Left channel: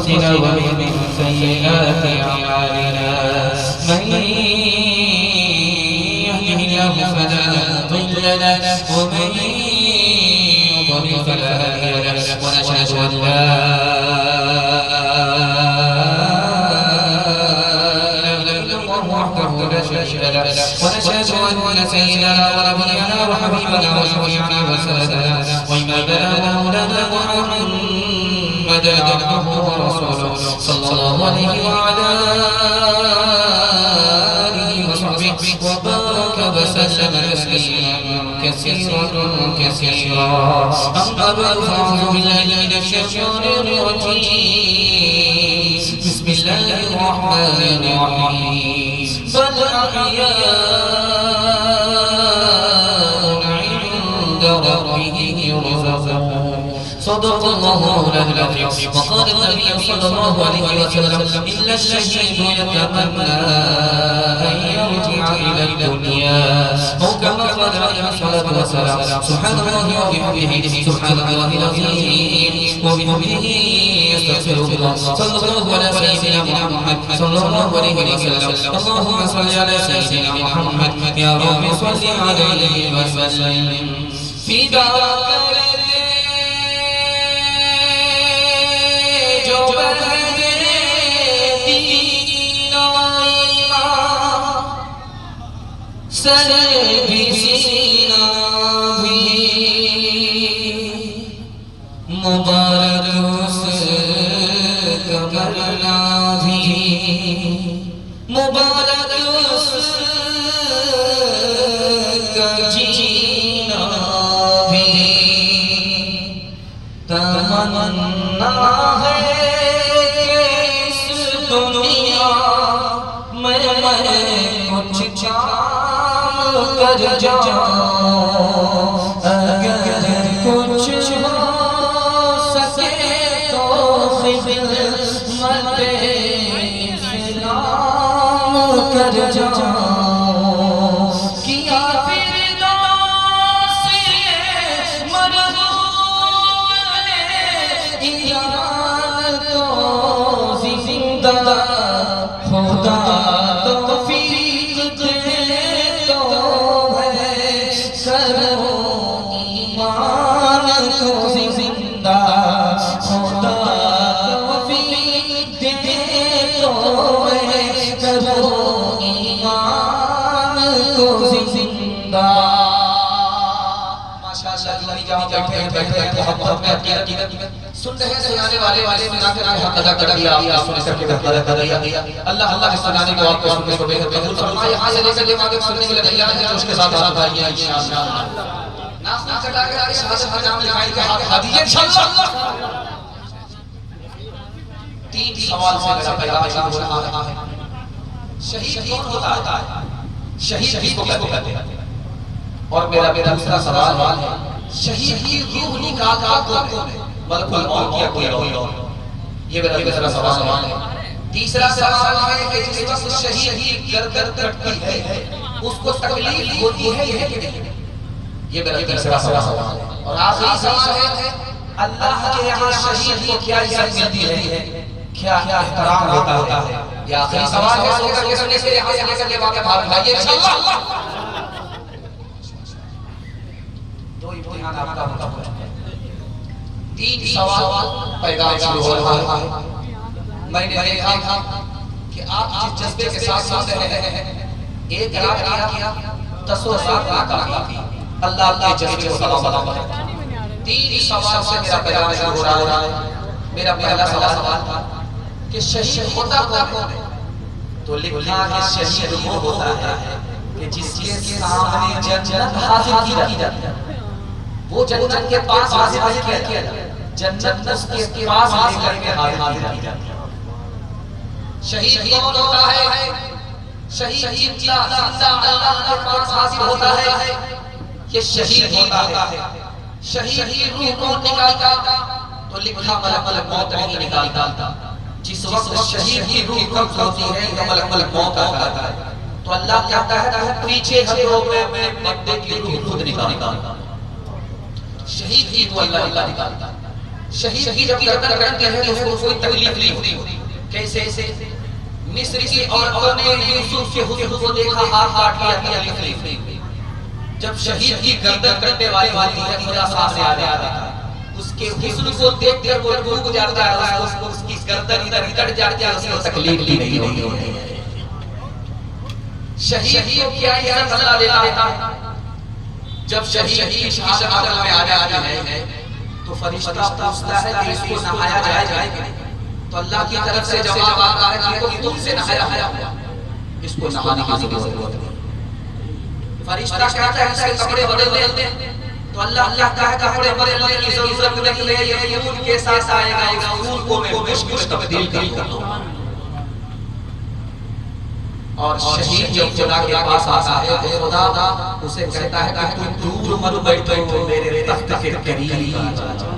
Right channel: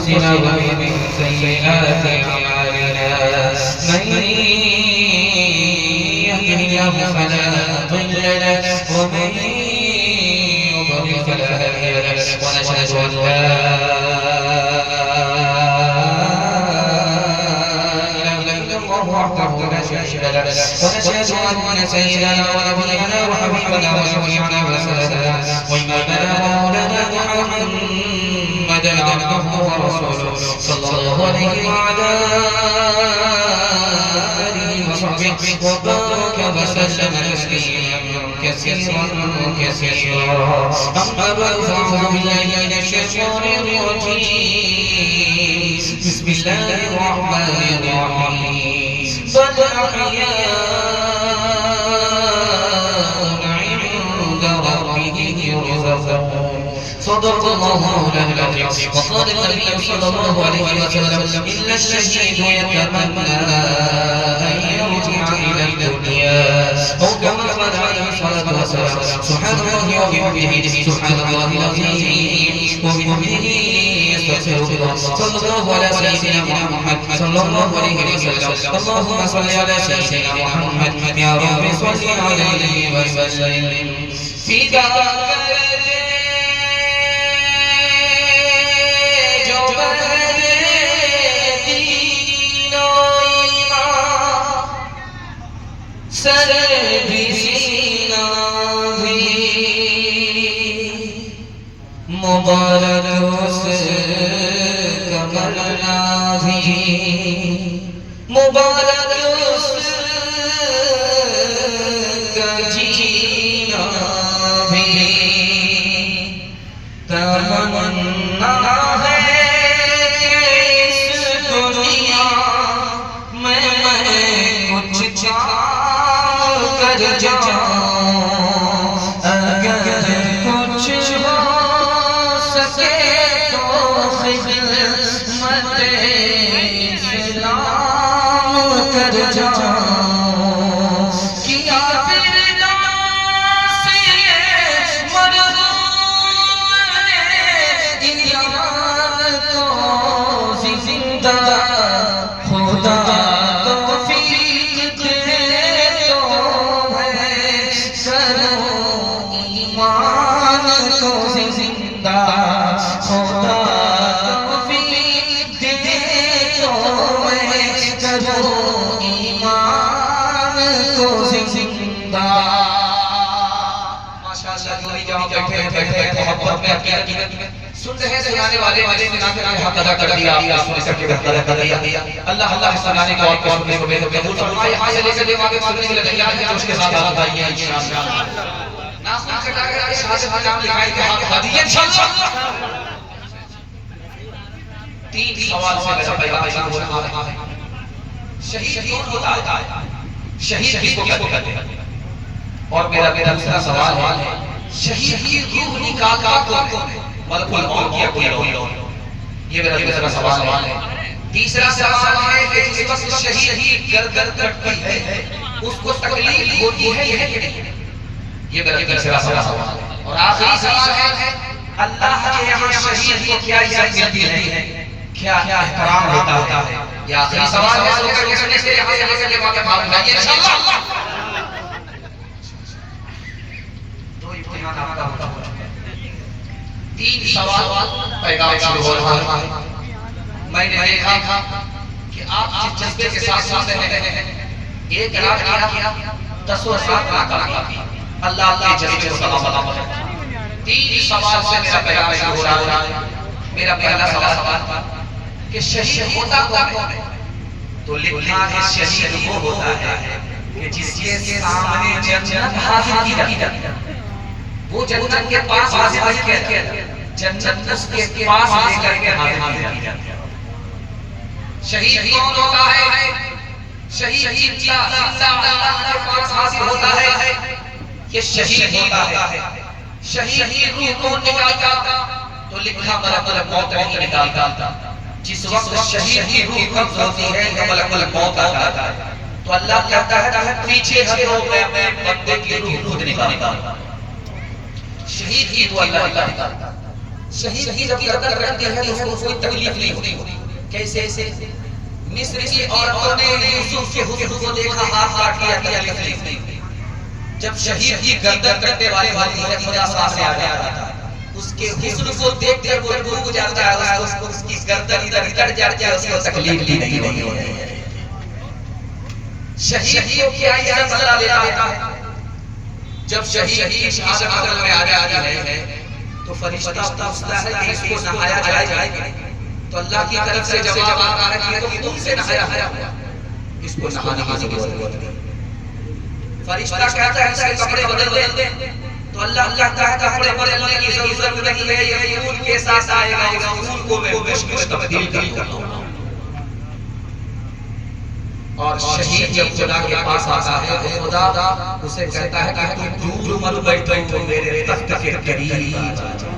أنفسنا ومن سيئات أعمالنا من يهده الله فلا مضل له ومن يضلل فلا هادي له ونشهد أن لا إله إلا الله وحده لا شريك له ونشهد أن سيدنا ونبينا وحبيبنا وشفيعنا وسندنا وإمامنا مولانا محمدا عبده ورسوله صلى الله عليه وعلى آله وصحبه وبارك وسلم تسليما كثيرا أما بعد فأعوذ بالله من الشيطان الرجيم بسم الله الرحمن الرحيم بل أحياء عند ربهم يرزقون صدق الله مولانا العظيم وقال النبي صلى الله عليه وسلم إلا الشهيد يتمنى أن يرجع إلى الدنيا أو كما قال عليه الصلاة والسلام سبحان الله وبحمده سبحان الله العظيم وبحمده يستغفر الله صلى الله على سيدنا محمد صلى الله عليه وسلم اللهم صل على سيدنا محمد يا رب صل عليه وسلم في دعوة سر بھی سینہ بھی مبارک اس کا مرنا بھی مبارک اس کا جینا بھی تمنا ہے کہ اس دنیا میں کچھ کر جاؤں اگر کچھ ہو سکے تو خدمت اسلام کر جاؤں کیا فردوس مرغوب نے ایمان کو زندہ خدا سن رہے ہیں سنانے والے نے حق ادا کر دیا سن کر کے ادا کر دیا اللہ اللہ سنانے کو آپ کو سننے کو قبول فرمائے یہاں سے لے کر دیوار کے سننے کے لیے تیار ہیں اس کے ساتھ آپ آئیے انشاءاللہ ناس نہ چلا کر شاہ نام لکھائی کے ہاتھ ہدیے انشاءاللہ تین سوال سے میرا پیغام شروع ہو رہا ہے شہید کون ہوتا ہے شہید کس کو کہتے ہیں اور میرا دوسرا سوال ہے شہید کی روح نکالتا کون ہے ملک الموت کی اپنی روح یہ میرا دوسرا سوال ہے تیسرا سوال ہے کہ جس وقت شہید گردن کٹتی ہے اس کو تکلیف ہوتی ہے یہ میرا تیسرا سوال ہے اور آخری سوال ہے اللہ کے یہاں شہید کو کیا عزت ملتی ہے کیا احترام ہوتا ہے یہ آخری سوال ہے سن کر کے سننے سے یہاں سے لے کر کے واقع بھارت بھائیے انشاءاللہ تین سوال پیغام شروع ہو رہا ہے میں نے دیکھا کہ آپ جس جذبے کے ساتھ سن رہے ہیں ایک رات کیا 10 رات کی اللہ کے جذبے کو سلام تین سوال سے میرا پیغام شروع ہو رہا ہے میرا پہلا سوال کہ شہید ہوتا کون ہے تو لکھا ہے شہید وہ ہوتا ہے کہ جس کے سامنے جنت حاضر کی جاتی ہے وہ جنت کے پاس حاضر کیا جنت اس کے پاس لے کر کے حاضر کی جاتی ہے شہید کون ہوتا ہے شہید اللہ کے پاس حاضر ہوتا ہے کہ شہید ہوتا ہے شہید روح کون نکالتا تو لکھا ملک موت نہیں نکالتا جس وقت شہید کی روح قبض ہوتی ہے تو ملک موت آتا ہے تو اللہ کہتا ہے پیچھے ہٹو میں بندے کی روح خود نکالتا شہید کی روح اللہ نکالتا شہید کی جب گردن کٹتے ہیں تو اس کو کوئی تکلیف نہیں ہوتی. کیسے؟ مصر کی عورتوں نے یوسف کے حسن کو دیکھا، ہاتھ کاٹ لیا، تکلیف نہیں ہوئی. جب شہید کی گردن کٹنے والے ہوتی ہے خدا سامنے آ جاتا ہے، اس کے حسن کو دیکھ کر وہ ڈوب جاتا ہے، اس کی گردن ادھر کٹ جاتی ہے، اس کو تکلیف نہیں ہوتی. شہید کو کیا یہ بدلہ لیتا ہے؟ جب شہید کی شہادت عدل میں آ جاتی ہے تو فرشتہ پوچھتا ہے کہ اس کو نہایا جائے گا؟ تو اللہ کی طرف سے جواب آتا ہے کہ یہ تو خون سے نہایا ہوا، اس کو نہانے کی ضرورت نہیں. فرشتہ کہتا ہے اس کے کپڑے بدل دے، تو اللہ کہتا ہے کپڑے بدلنے کی ضرورت نہیں ہے، یہ خون کے ساتھ آئے گا، اس خون کو میں مشک میں تبدیل کر دوں گا. اور شہید جب خدا کے پاس آتا ہے تو خدا اسے کہتا ہے کہ تو دور مت بیٹھو، میرے تخت کے قریب